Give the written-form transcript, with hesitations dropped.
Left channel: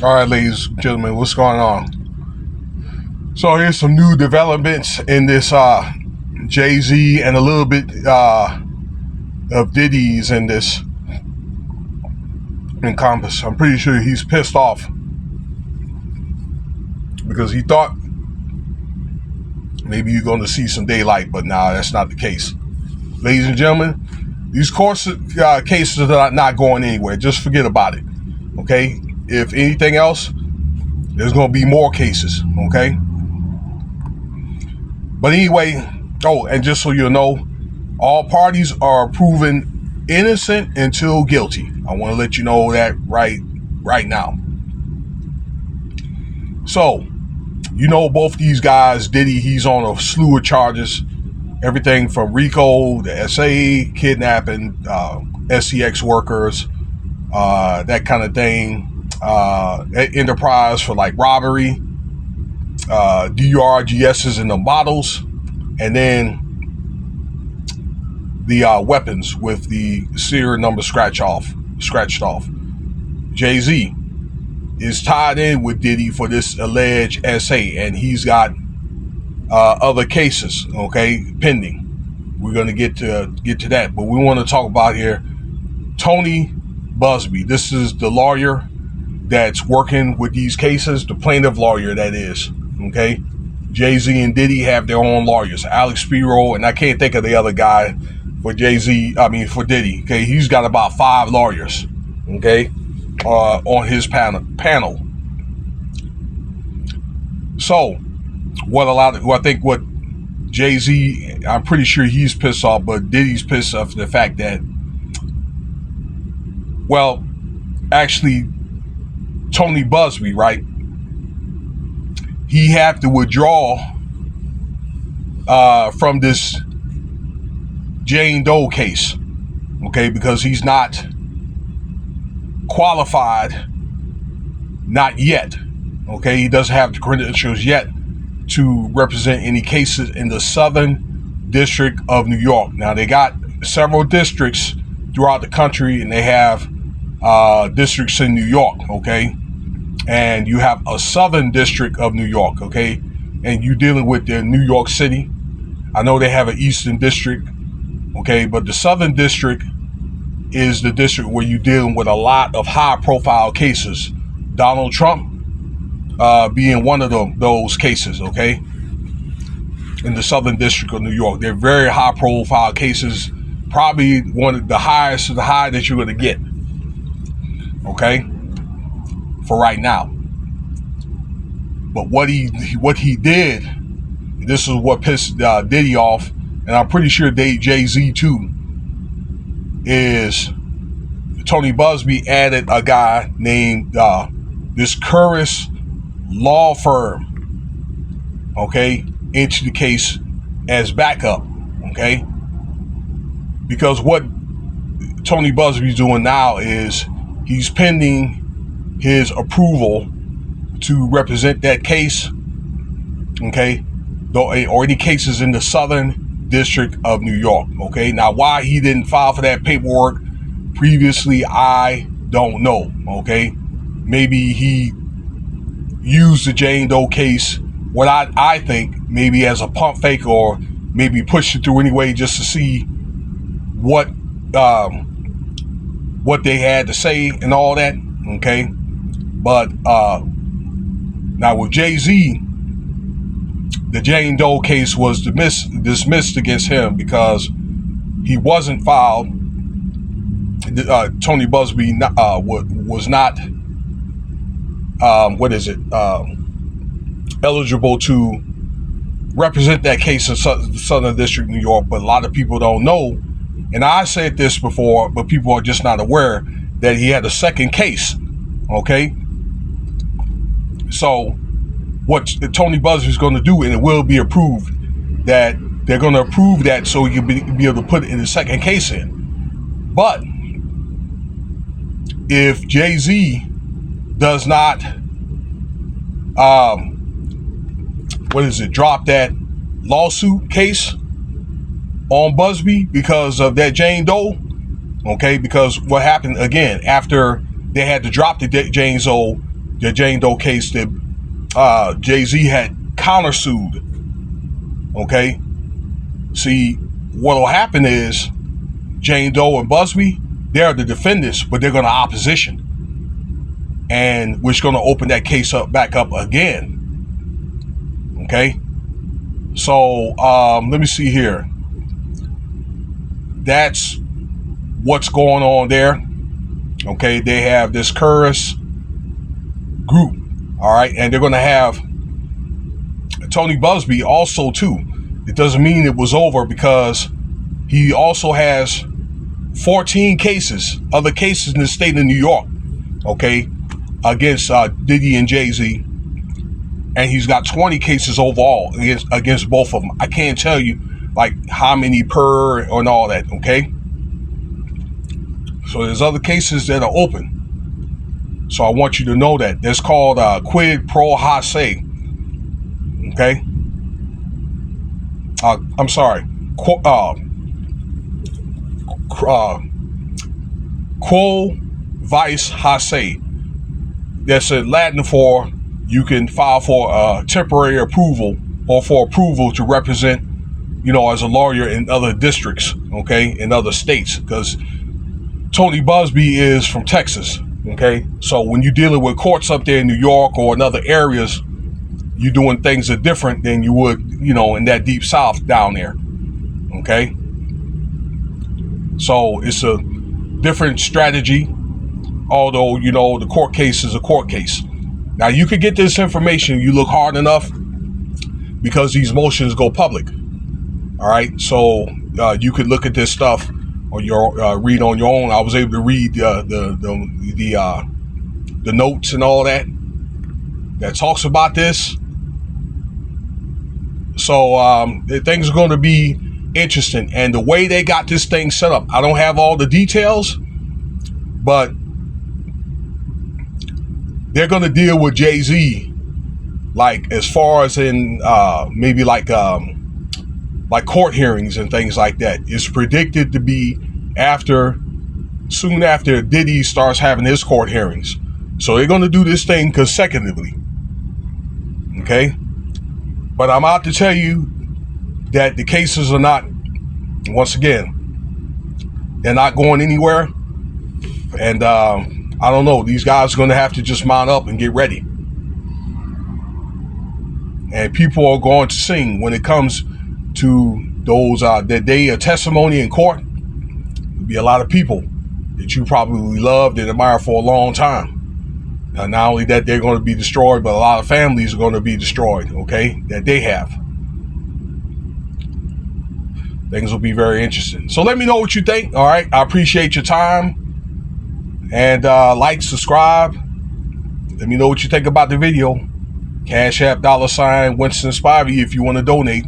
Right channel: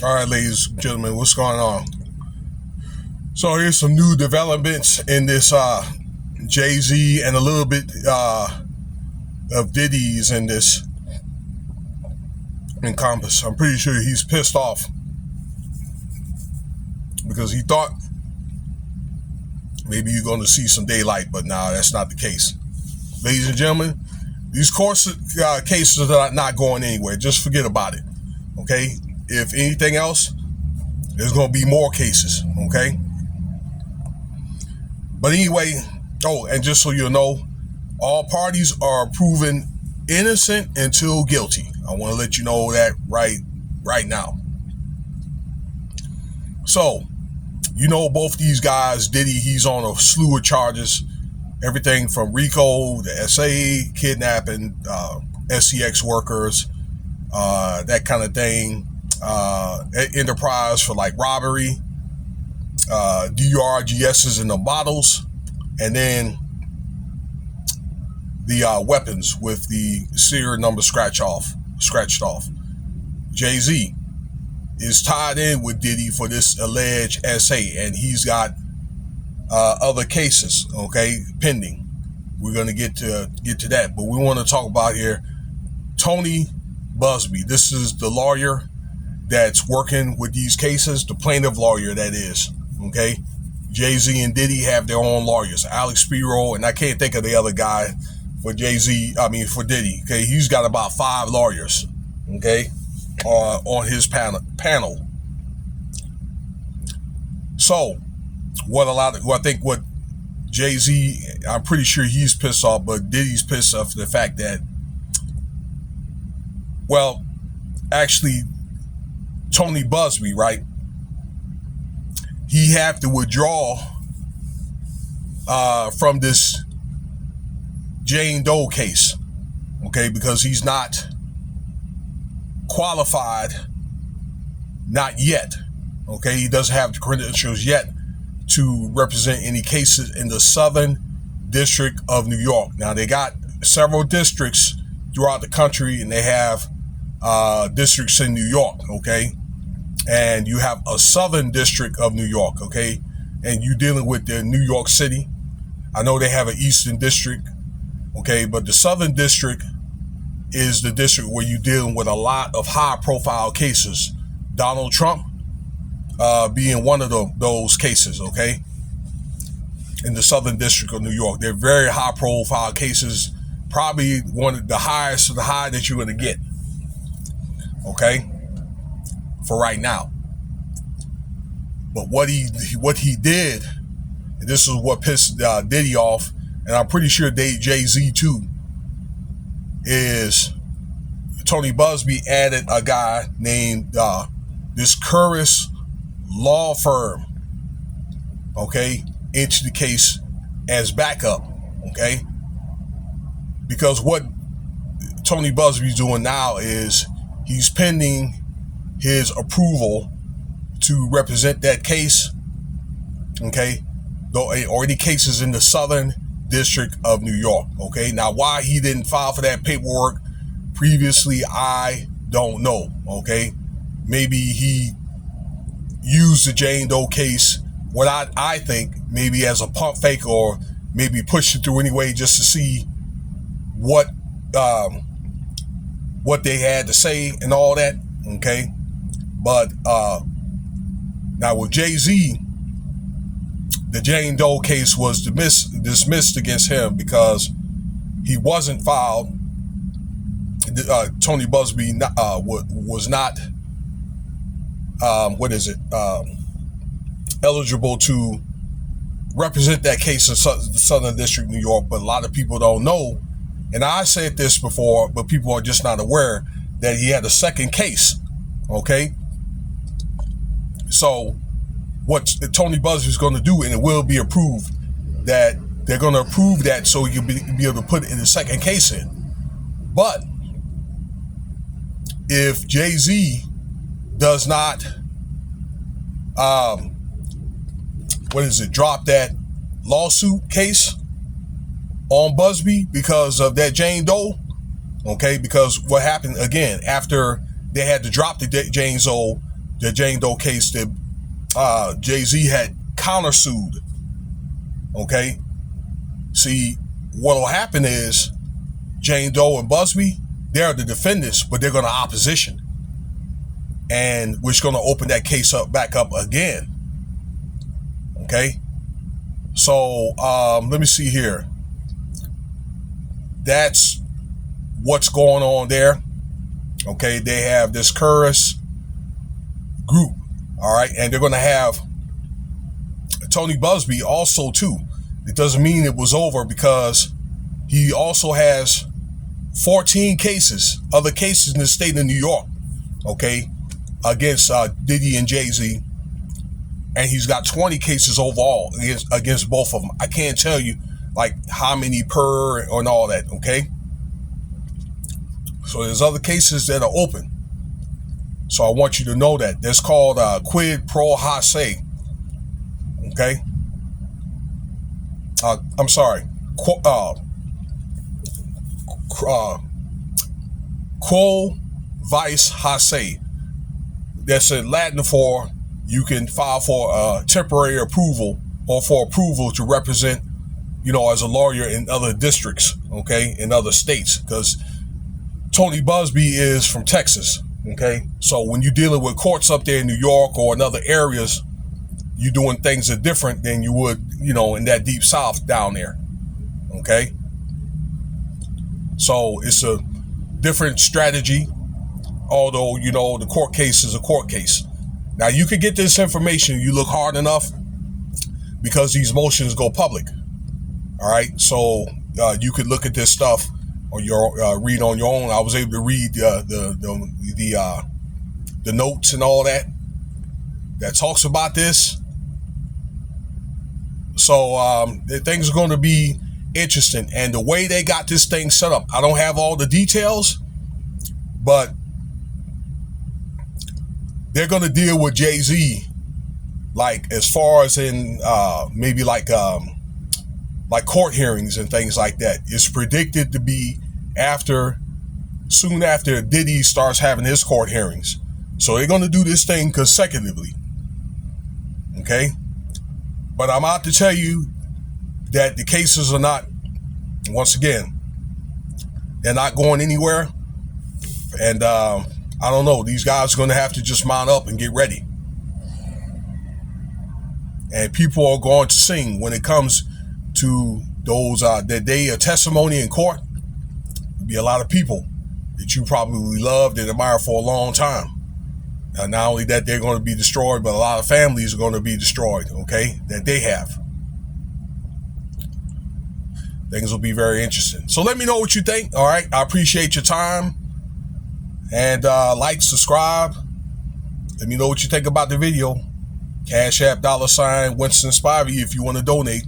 All right, ladies and gentlemen, what's going on? So here's some new developments in this Jay-Z and a little bit of Diddy's in this encompass. I'm pretty sure he's pissed off because he thought maybe you're going to see some daylight, but nah, that's not the case. Ladies and gentlemen, these court cases are not going anywhere. Just forget about it, okay? If anything else, there's going to be more cases, okay? But anyway, and just so you know, all parties are proven innocent until guilty. I want to let you know that right now. So, you know both these guys, Diddy, he's on a slew of charges. Everything from RICO, the SA, kidnapping, SCX workers, that kind of thing. Enterprise for like robbery, DRGSs in the bottles, and then the weapons with the serial number scratched off. JayZ is tied in with Diddy for this alleged SA, and he's got other cases, okay, pending. We're gonna get to that, but we want to talk about here Tony Buzbee. This is the lawyer that's working with these cases, the plaintiff lawyer, that is, okay? Jay-Z and Diddy have their own lawyers, Alex Spiro, and I can't think of the other guy for for Diddy, okay? He's got about 5 lawyers, okay, on his panel. So, I think what Jay-Z, I'm pretty sure he's pissed off, but Diddy's pissed off the fact that, well, actually, Tony Buzbee, right? He had to withdraw from this Jane Doe case, okay, because he's not qualified, not yet, okay? He doesn't have the credentials yet to represent any cases in the Southern District of New York. Now, they got several districts throughout the country, and they have districts in New York, okay? And you have a Southern District of New York, okay? And you're dealing with the New York City. I know they have an Eastern District, okay? But the Southern District is the district where you're dealing with a lot of high-profile cases. Donald Trump being one of those cases, okay? In the Southern District of New York. They're very high-profile cases, probably one of the highest of the high that you're going to get, okay, for right now. But what he did, this is what pissed Diddy off, and I'm pretty sure JayZ too, is Tony Buzbee added a guy named this Curtis law firm, okay, into the case as backup, okay? Because what Tony Buzbee's doing now is he's pending his approval to represent that case, okay, or any cases in the Southern District of New York, okay? Now, why he didn't file for that paperwork previously, I don't know, okay? Maybe he used the Jane Doe case, what I think, maybe as a pump fake, or maybe pushed it through anyway just to see what they had to say and all that, okay? But now with Jay-Z, the Jane Doe case was dismissed against him because he wasn't filed. Tony Buzbee was not eligible to represent that case in the Southern District of New York. But a lot of people don't know, and I said this before, but people are just not aware that he had a second case, okay? So what Tony Buzbee is going to do, and it will be approved, that they're going to approve that so he can be able to put it in the second case in. But if Jay-Z does not drop that lawsuit case on Buzbee because of that Jane Doe, okay? Because what happened again after they had to drop the Jane Doe the Jane Doe case that JayZ had countersued. Okay? See, what'll happen is Jane Doe and Buzbee, they're the defendants, but they're going to opposition. And we're going to open that case back up again. Okay? So, let me see here. That's what's going on there. Okay? They have this Curtis group. All right? And they're going to have Tony Buzbee also, too. It doesn't mean it was over, because he also has 14 cases, other cases in the state of New York, okay, against Diddy and JayZ. And he's got 20 cases overall against both of them. I can't tell you like how many per and all that, okay? So there's other cases that are open. So I want you to know that. That's called quid pro hac, okay? I'm sorry. Quo vice hac. That's a Latin for you can file for temporary approval or for approval to represent, as a lawyer in other districts, okay, in other states. Because Tony Buzbee is from Texas, okay? So when you're dealing with courts up there in New York or in other areas, you're doing things that are different than you would, in that deep south down there, okay? So it's a different strategy, although, the court case is a court case. Now, you could get this information, you look hard enough, because these motions go public, all right? So you could look at this stuff or read on your own. I was able to read the notes and all that talks about this. So things are going to be interesting. And the way they got this thing set up, I don't have all the details, but they're going to deal with JayZ, like as far as in maybe like court hearings and things like that. It's predicted to be soon after Diddy starts having his court hearings. So they're going to do this thing consecutively. Okay? But I'm out to tell you that the cases are not, once again, they're not going anywhere. And I don't know, these guys are going to have to just mount up and get ready. And people are going to sing when it comes to those that day of testimony in court. There'll be a lot of people that you probably loved and admired for a long time. Now, not only that they're going to be destroyed, but a lot of families are going to be destroyed, okay, that they have. Things will be very interesting. So let me know what you think, all right? I appreciate your time. And like, subscribe. Let me know what you think about the video. Cash App, $, Winston Spivey if you want to donate.